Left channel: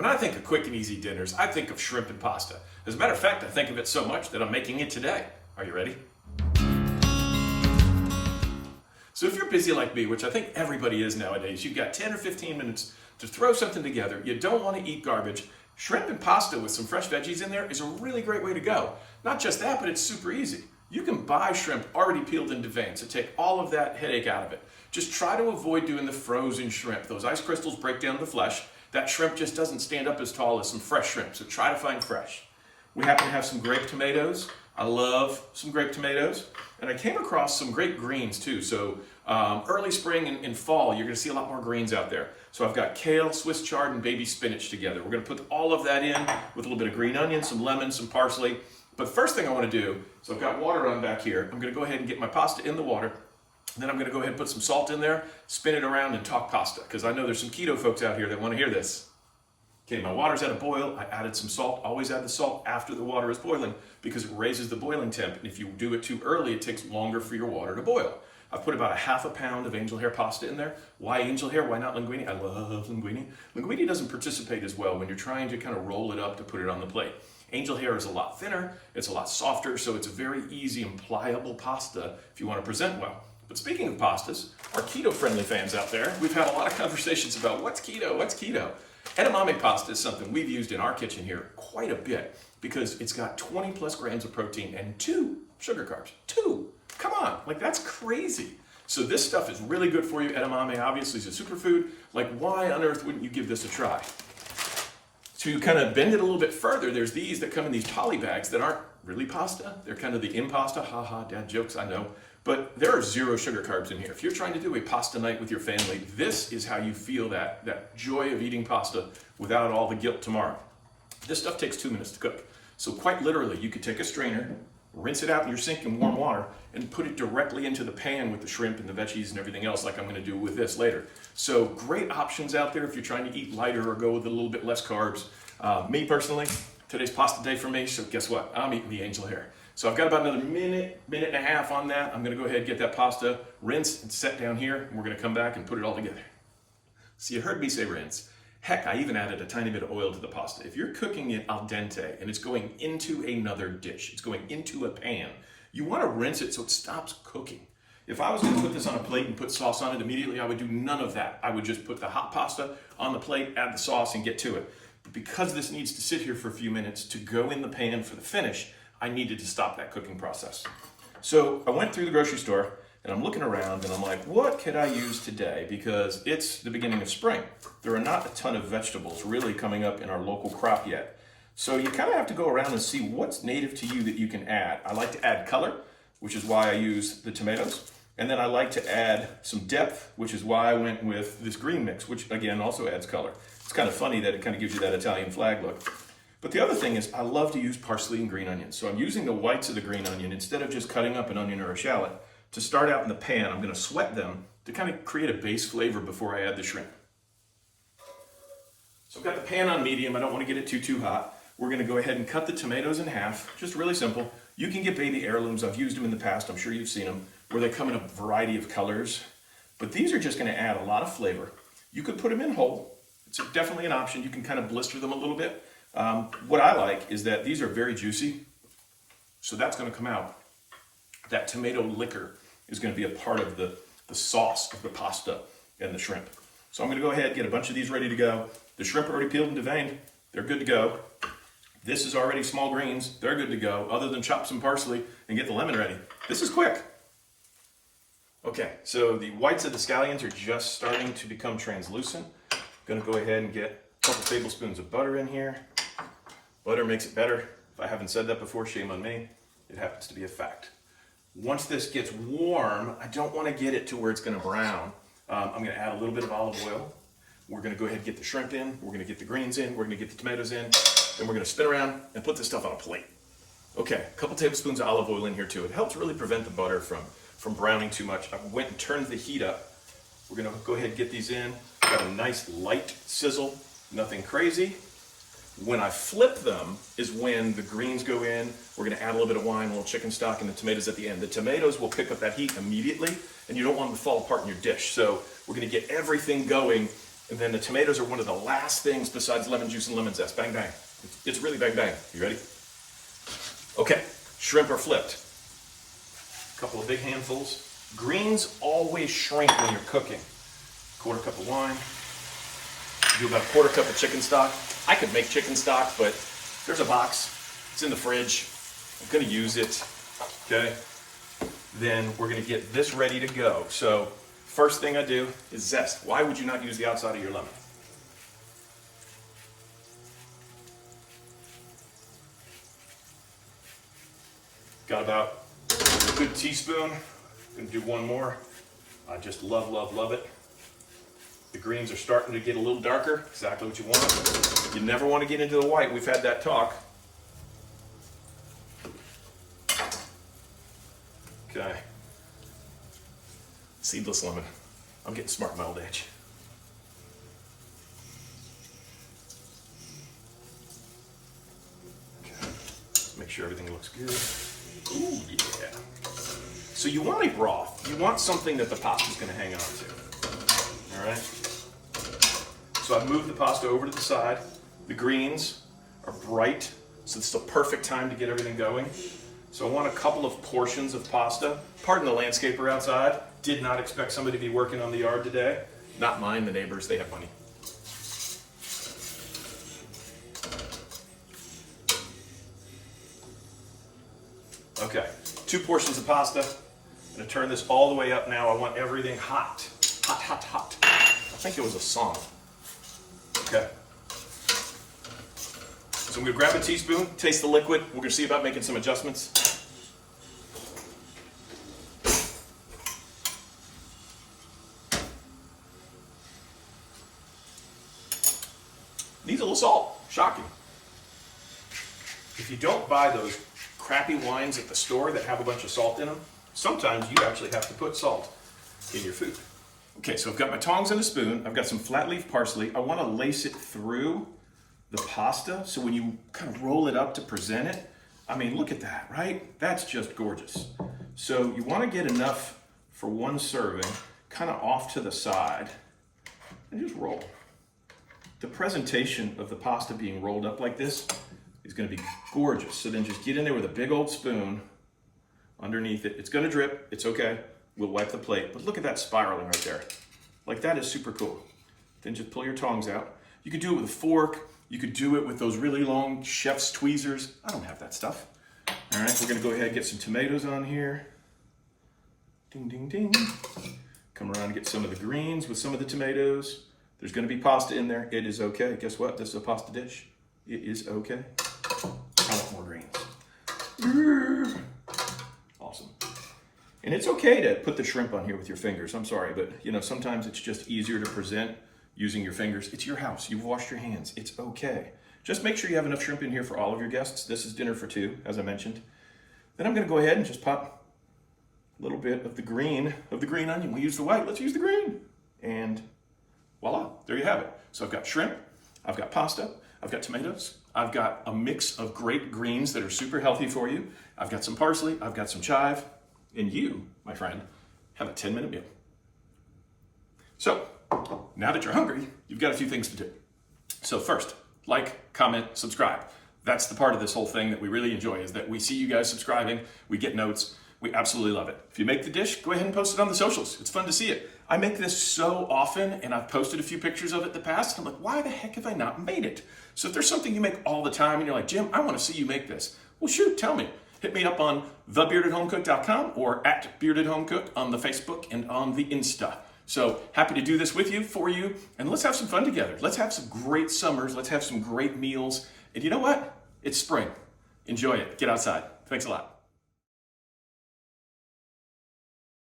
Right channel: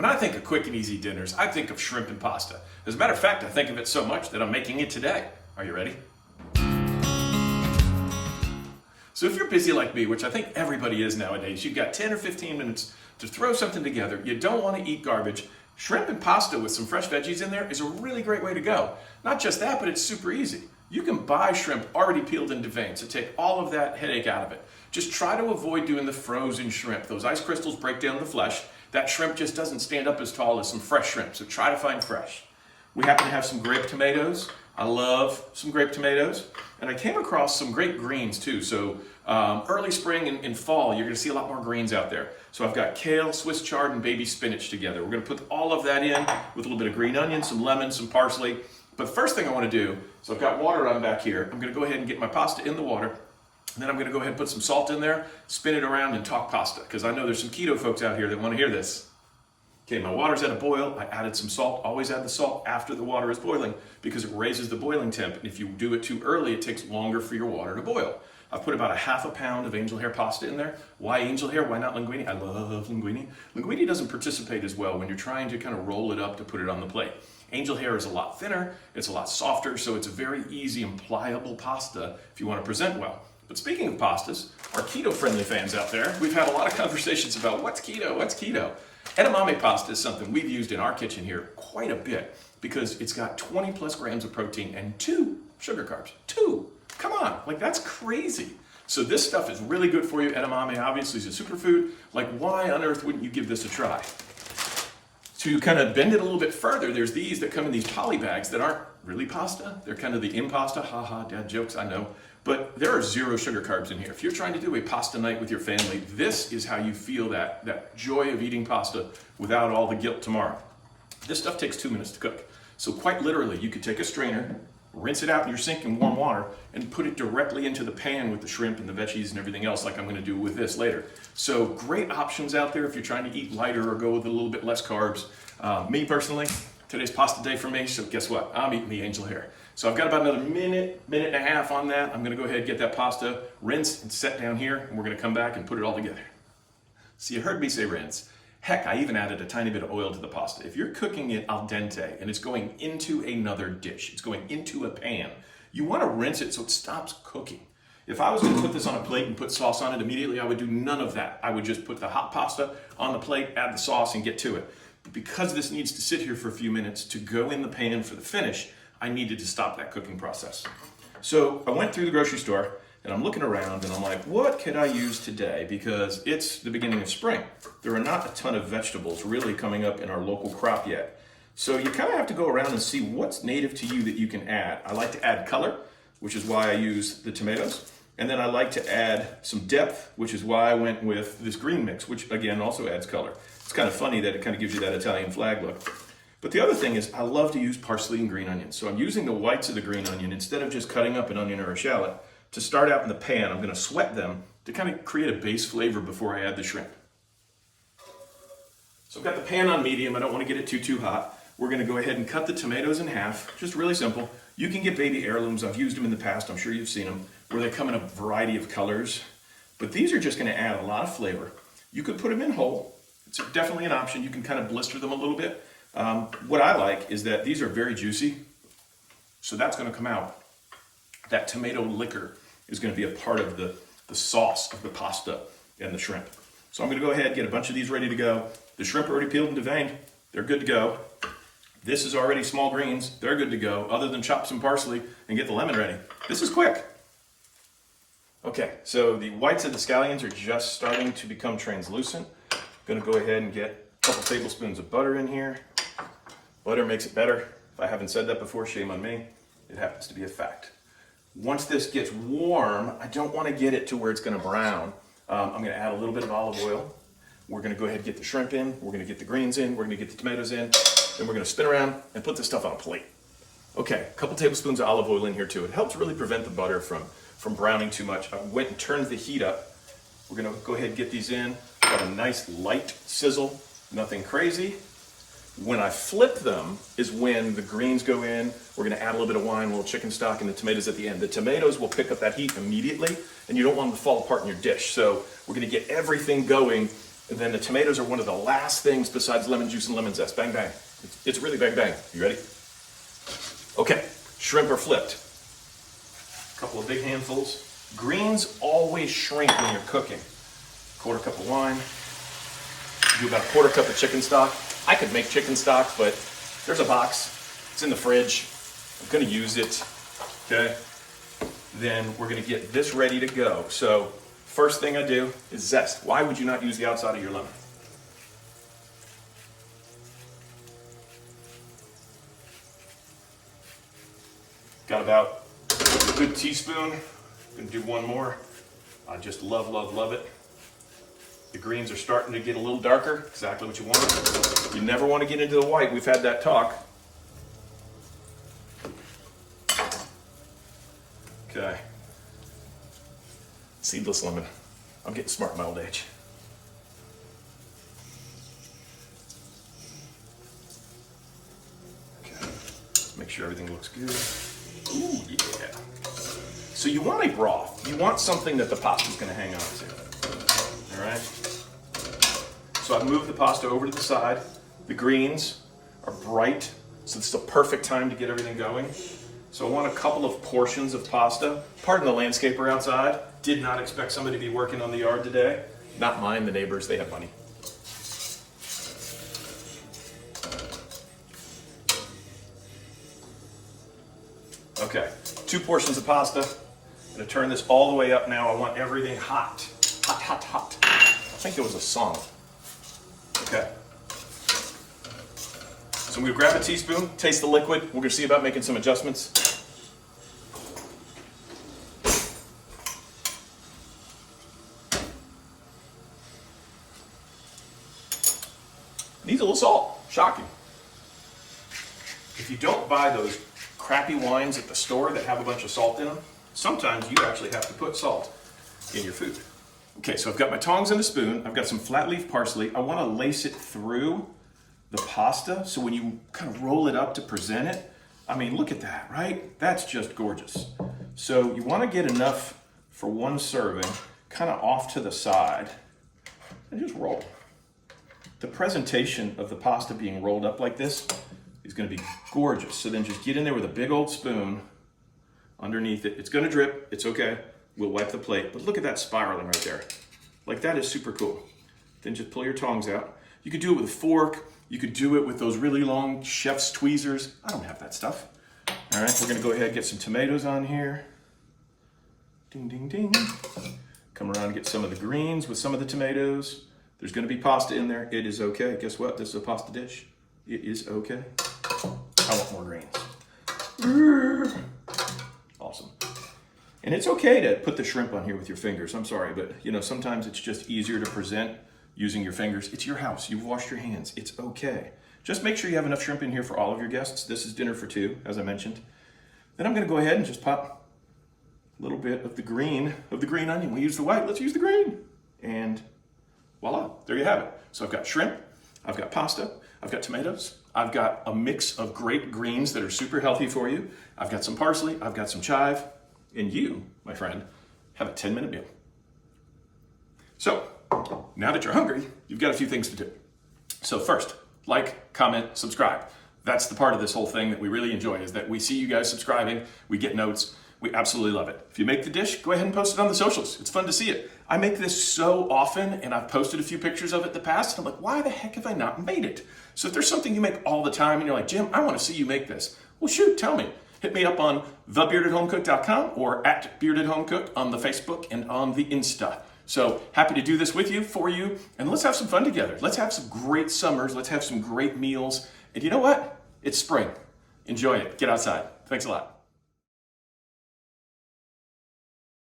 When I think of quick and easy dinners, I think of shrimp and pasta. As a matter of fact, I think of it so much that I'm making it today. Are you ready? So if you're busy like me, which I think everybody is nowadays, you've got 10 or 15 minutes to throw something together. You don't want to eat garbage. Shrimp and pasta with some fresh veggies in there is a really great way to go. Not just that, but it's super easy. You can buy shrimp already peeled and deveined, so take all of that headache out of it. Just try to avoid doing the frozen shrimp. Those ice crystals break down the flesh. That shrimp just doesn't stand up as tall as some fresh shrimp, so try to find fresh. We happen to have some grape tomatoes. I love some grape tomatoes. And I came across some great greens too. So early spring and fall, you're gonna see a lot more greens out there. So I've got kale, Swiss chard, and baby spinach together. We're gonna put all of that in with a little bit of green onion, some lemon, some parsley. But first thing I wanna do, so I've got water on back here. I'm gonna go ahead and get my pasta in the water. And then I'm gonna go ahead and put some salt in there, spin it around and talk pasta, because I know there's some keto folks out here that wanna hear this. Okay, my water's at a boil. I added some salt. Always add the salt after the water is boiling because it raises the boiling temp. And if you do it too early, it takes longer for your water to boil. I've put about a half a pound of angel hair pasta in there. Why angel hair? Why not linguine? I love linguine. Linguine doesn't participate as well when you're trying to kind of roll it up to put it on the plate. Angel hair is a lot thinner, it's a lot softer, so it's a very easy and pliable pasta if you want to present well. But speaking of pastas, our keto-friendly fans out there, we've had a lot of conversations about what's keto, what's keto. Edamame pasta is something we've used in our kitchen here quite a bit because it's got 20 plus grams of protein and 2 sugar carbs. 2! Come on, like that's crazy. So this stuff is really good for you. Edamame obviously is a superfood. Like why on earth wouldn't you give this a try? To kind of bend it a little bit further, there's these that come in these poly bags that aren't really pasta. They're kind of the impasta, haha, dad jokes, I know. But there are 0 sugar carbs in here. If you're trying to do a pasta night with your family, this is how you feel that joy of eating pasta without all the guilt tomorrow. This stuff takes 2 minutes to cook. So quite literally, you could take a strainer, rinse it out in your sink in warm water, and put it directly into the pan with the shrimp and the veggies and everything else like I'm gonna do with this later. So great options out there if you're trying to eat lighter or go with a little bit less carbs. Me personally, today's pasta day for me, so guess what? I'm eating the angel hair. So I've got about another minute and a half on that. I'm gonna go ahead and get that pasta, rinse and set down here, and we're gonna come back and put it all together. So you heard me say rinse. Heck, I even added a tiny bit of oil to the pasta. If you're cooking it al dente and it's going into another dish, it's going into a pan, you wanna rinse it so it stops cooking. If I was gonna put this on a plate and put sauce on it immediately, I would do none of that. I would just put the hot pasta on the plate, add the sauce, and get to it. But because this needs to sit here for a few minutes to go in the pan for the finish, I needed to stop that cooking process. So I went through the grocery store and I'm looking around and I'm like, what could I use today? Because it's the beginning of spring. There are not a ton of vegetables really coming up in our local crop yet. So you kind of have to go around and see what's native to you that you can add. I like to add color, which is why I use the tomatoes. And then I like to add some depth, which is why I went with this green mix, which again also adds color. It's kind of funny that it kind of gives you that Italian flag look. But the other thing is I love to use parsley and green onions. So I'm using the whites of the green onion instead of just cutting up an onion or a shallot. To start out in the pan, I'm gonna sweat them to kind of create a base flavor before I add the shrimp. So I've got the pan on medium. I don't wanna get it too hot. We're gonna go ahead and cut the tomatoes in half, just really simple. You can get baby heirlooms. I've used them in the past. I'm sure you've seen them, where they come in a variety of colors. But these are just gonna add a lot of flavor. You could put them in whole. It's definitely an option. You can kind of blister them a little bit. What I like is that these are very juicy, so that's going to come out. That tomato liquor is going to be a part of the sauce of the pasta and the shrimp. So I'm going to go ahead and get a bunch of these ready to go. The shrimp are already peeled and deveined. They're good to go. This is already small greens. They're good to go, other than chop some parsley and get the lemon ready. This is quick. Okay, so the whites of the scallions are just starting to become translucent. I'm going to go ahead and get a couple tablespoons of butter in here. Butter makes it better. If I haven't said that before, shame on me. It happens to be a fact. Once this gets warm, I don't want to get it to where it's going to brown. I'm going to add a little bit of olive oil. We're going to go ahead and get the shrimp in. We're going to get the greens in. We're going to get the tomatoes in. Then we're going to spin around and put this stuff on a plate. Okay, a couple tablespoons of olive oil in here too. It helps really prevent the butter from browning too much. I went and turned the heat up. We're going to go ahead and get these in. Got a nice light sizzle, nothing crazy. When I flip them is when the greens go in. We're gonna add a little bit of wine, a little chicken stock, and the tomatoes at the end. The tomatoes will pick up that heat immediately, and you don't want them to fall apart in your dish. So we're gonna get everything going And then the tomatoes are one of the last things besides lemon juice and lemon zest. Bang, bang. It's really bang, bang. You ready? Okay, shrimp are flipped. A couple of big handfuls. Greens always shrink when you're cooking. Quarter cup of wine. Do about a quarter cup of chicken stock. I could make chicken stock, but there's a box. It's in the fridge. I'm gonna use it, okay? Then we're gonna get this ready to go. So first thing I do is zest. Why would you not use the outside of your lemon? Got about a good teaspoon. Gonna do one more. I just love, love, love it. The greens are starting to get a little darker, exactly what you want. You never want to get into the white. We've had that talk. Okay. Seedless lemon. I'm getting smart in my old age. Okay. Make sure everything looks good. Ooh, yeah. So you want a broth. You want something that the pasta's going to hang on to. All right? So I've moved the pasta over to the side. The greens are bright, so it's the perfect time to get everything going. So I want a couple of portions of pasta. Pardon the landscaper outside. Did not expect somebody to be working on the yard today. Not mine, the neighbors, they have money. Okay, 2 portions of pasta. I'm gonna turn this all the way up now. I want everything hot. Hot, hot, hot. I think it was a song. Okay. So I'm gonna grab a teaspoon, taste the liquid. We're gonna see about making some adjustments. Needs a little salt. Shocking. If you don't buy those crappy wines at the store that have a bunch of salt in them, sometimes you actually have to put salt in your food. Okay, so I've got my tongs and a spoon. I've got some flat leaf parsley. I want to lace it through the pasta, so when you kind of roll it up to present it, I mean, look at that, right? That's just gorgeous. So you want to get enough for one serving, kind of off to the side, and just roll. The presentation of the pasta being rolled up like this is going to be gorgeous. So then just get in there with a big old spoon underneath it. It's going to drip. It's okay. We'll wipe the plate. But look at that spiraling right there. Like, that is super cool. Then just pull your tongs out. You could do it with a fork. You could do it with those really long chef's tweezers. I don't have that stuff. All right, we're going to go ahead and get some tomatoes on here. Ding, ding, ding. Come around and get some of the greens with some of the tomatoes. There's going to be pasta in there. It is okay. Guess what? This is a pasta dish. It is okay. I want more greens. Awesome. And it's okay to put the shrimp on here with your fingers. I'm sorry, but you know, sometimes it's just easier to present using your fingers. It's your house. You washed your hands. It's okay. Just make sure you have enough shrimp in here for all of your guests. This is dinner for 2, as I mentioned. Then I'm going to go ahead and just pop a little bit of the green onion. We use the white. Let's use the green. And voila, there you have it. So I've got shrimp, I've got pasta, I've got tomatoes, I've got a mix of great greens that are super healthy for you. I've got some parsley, I've got some chive, and you, my friend, have a 10-minute meal. So now that you're hungry, you've got a few things to do. So first, like, comment, subscribe. That's the part of this whole thing that we really enjoy, is that we see you guys subscribing, we get notes, we absolutely love it. If you make the dish, go ahead and post it on the socials. It's fun to see it. I make this so often, and I've posted a few pictures of it in the past, and I'm like, why the heck have I not made it? So if there's something you make all the time, and you're like, Jim, I want to see you make this. Well, shoot, tell me. Hit me up on thebeardedhomecook.com or at beardedhomecook on the Facebook and on the Insta. So happy to do this with you, for you, and let's have some fun together. Let's have some great summers. Let's have some great meals. And you know what? It's spring. Enjoy it. Get outside. Thanks a lot.